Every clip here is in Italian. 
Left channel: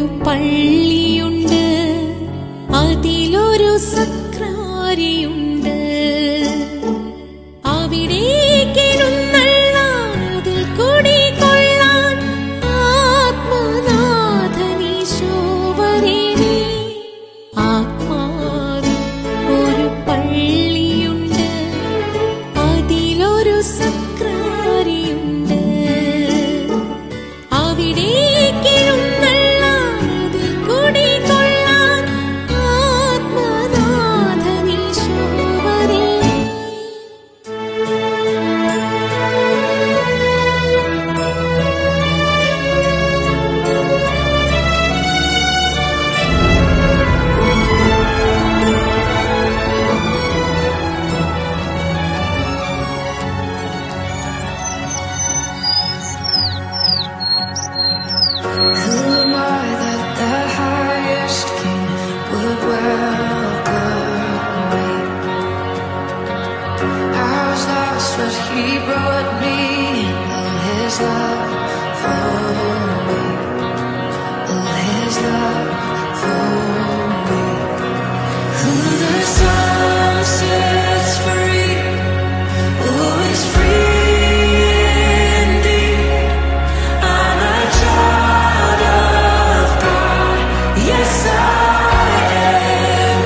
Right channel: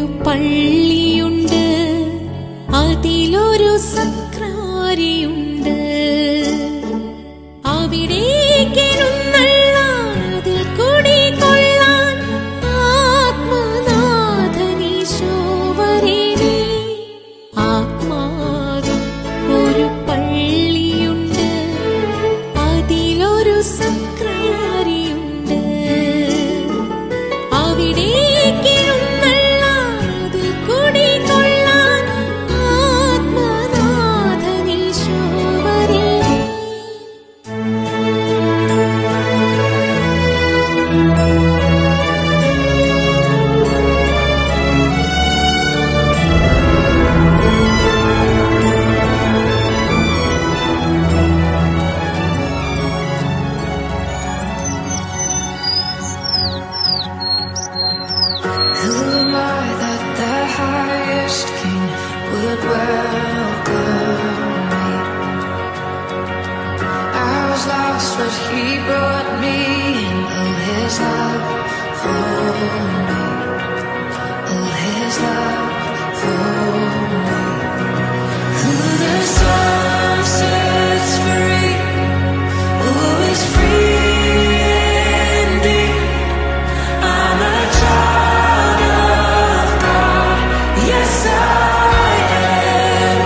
ഒരു പള്ളിയുണ്ട്, അതിലൊരു സക്രാരിയുണ്ട്. അവിടേക്കെഴുന്നള്ളാൻ അതിൽ കുടികൊള്ളാൻ ആത്മനാഥനീശോ വരേണേ. ആത്മാവിൽ ഒരു പള്ളിയുണ്ട്, അതിലൊരു സക്രാരിയുണ്ട്. അവിടേക്കെഴുന്നള്ളാൻ അതിൽ കുടികൊള്ളാൻ ആത്മനാഥനീശോ വരേണേ. Who am I that the highest king would welcome me? I was lost, but he brought me in. Oh, his love for me. Oh, his love for me. Who the Son sets free, who is free indeed. I'm a child of God, yes I am.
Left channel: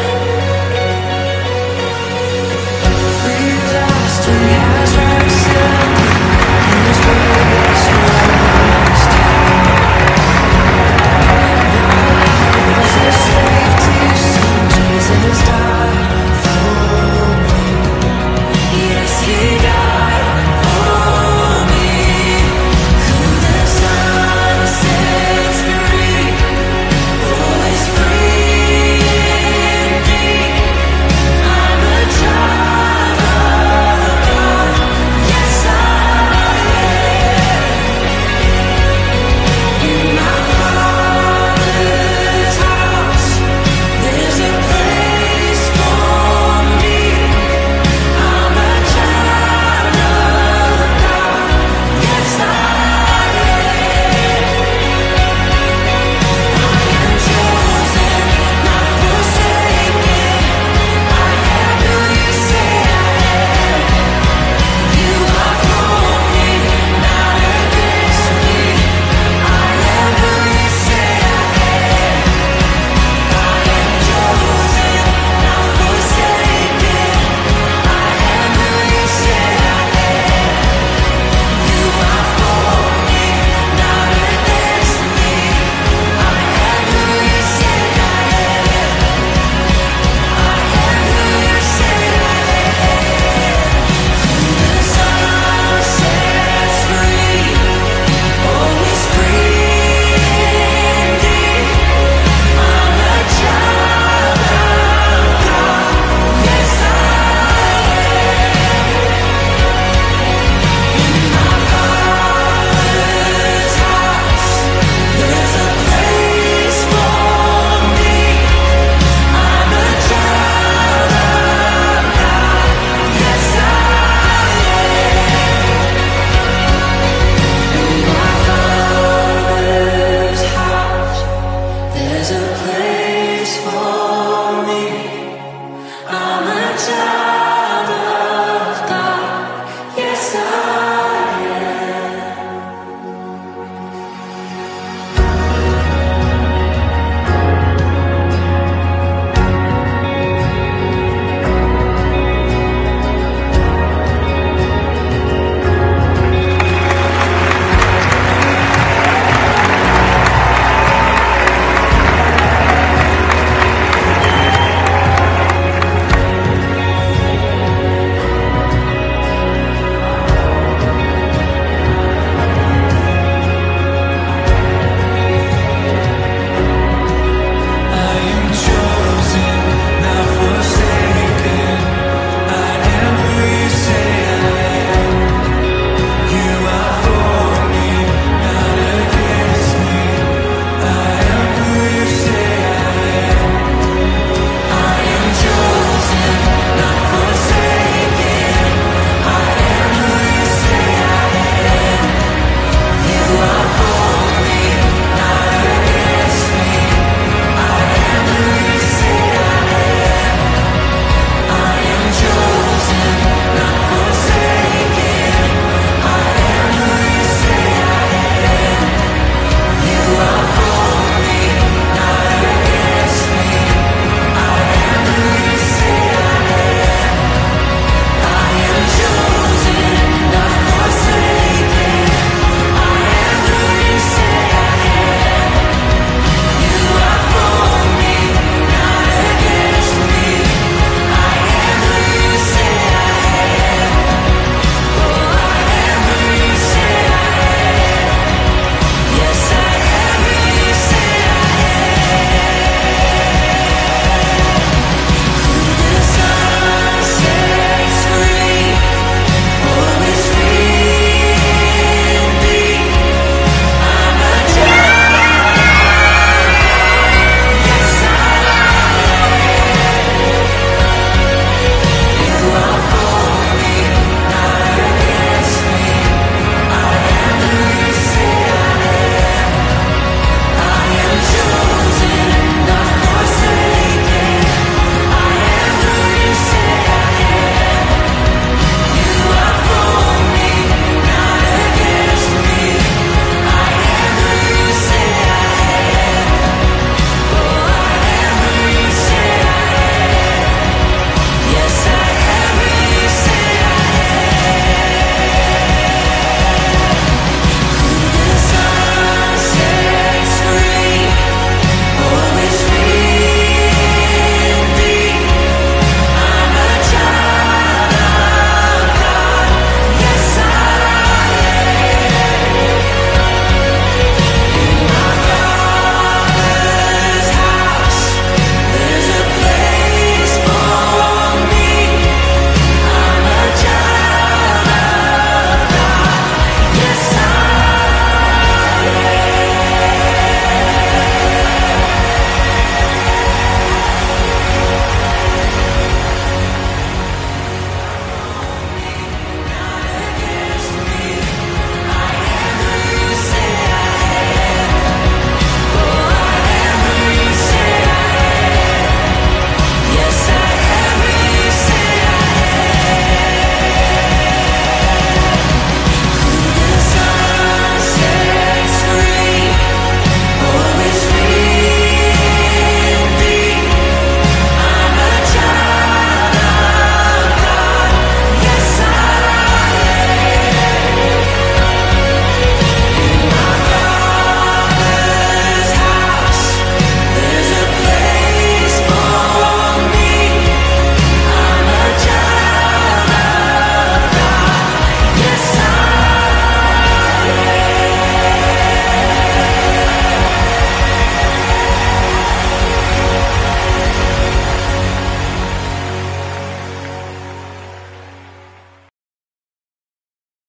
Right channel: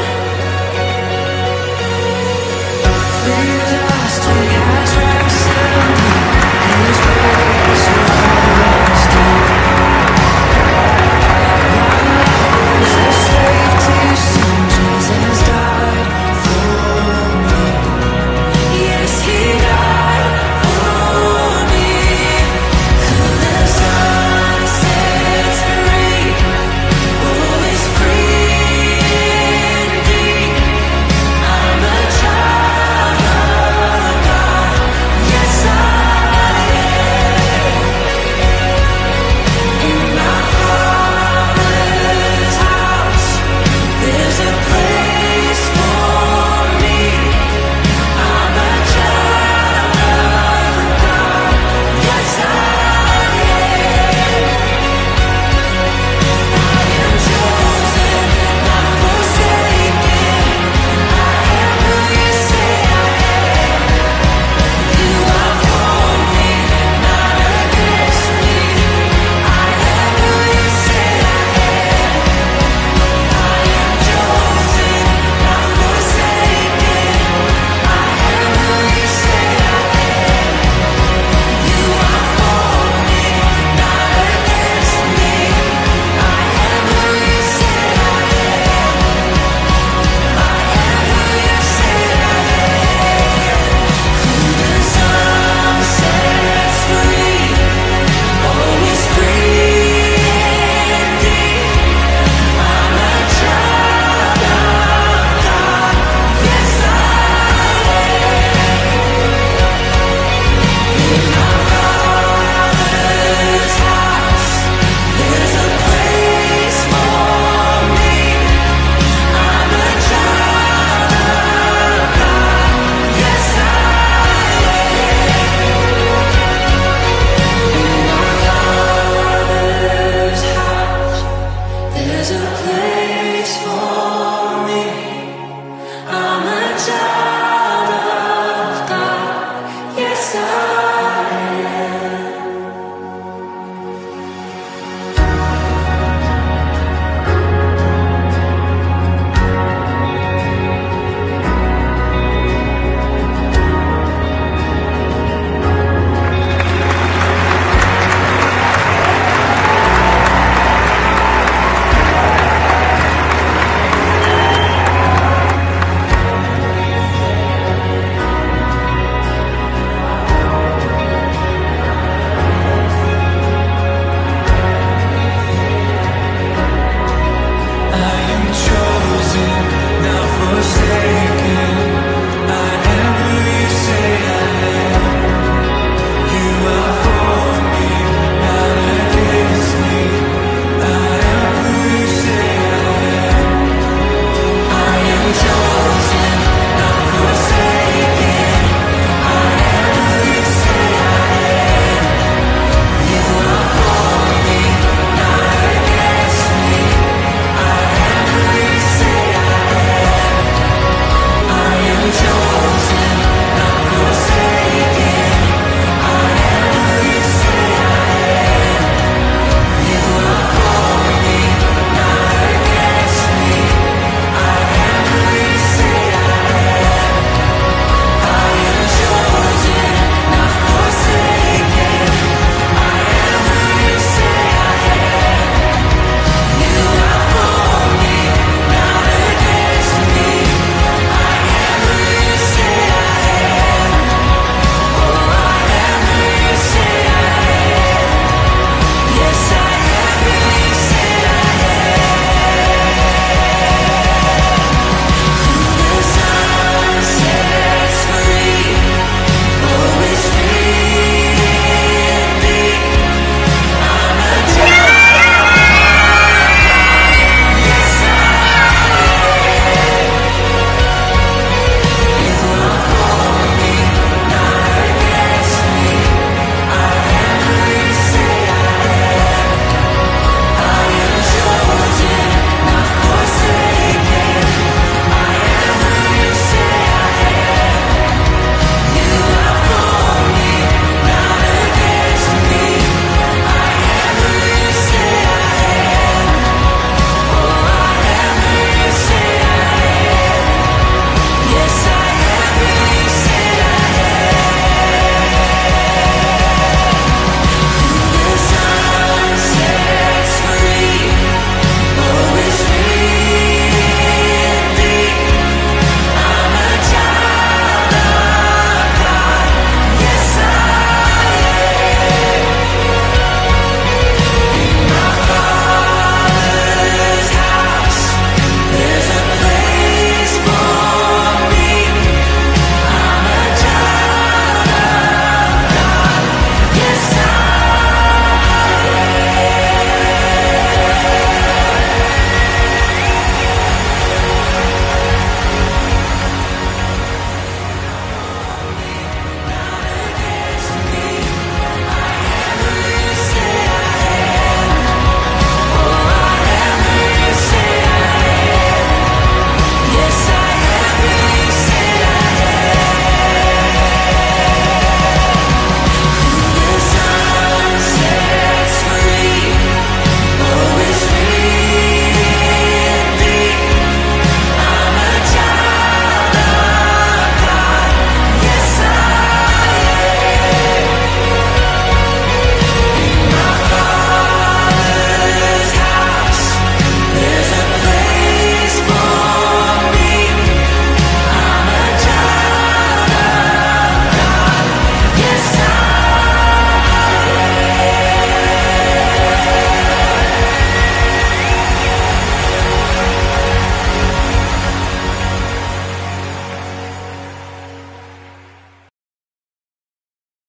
Free at last, He has ransomed me. His grace runs deep. While I was a slave to sin, Jesus died for me. Yes, He died.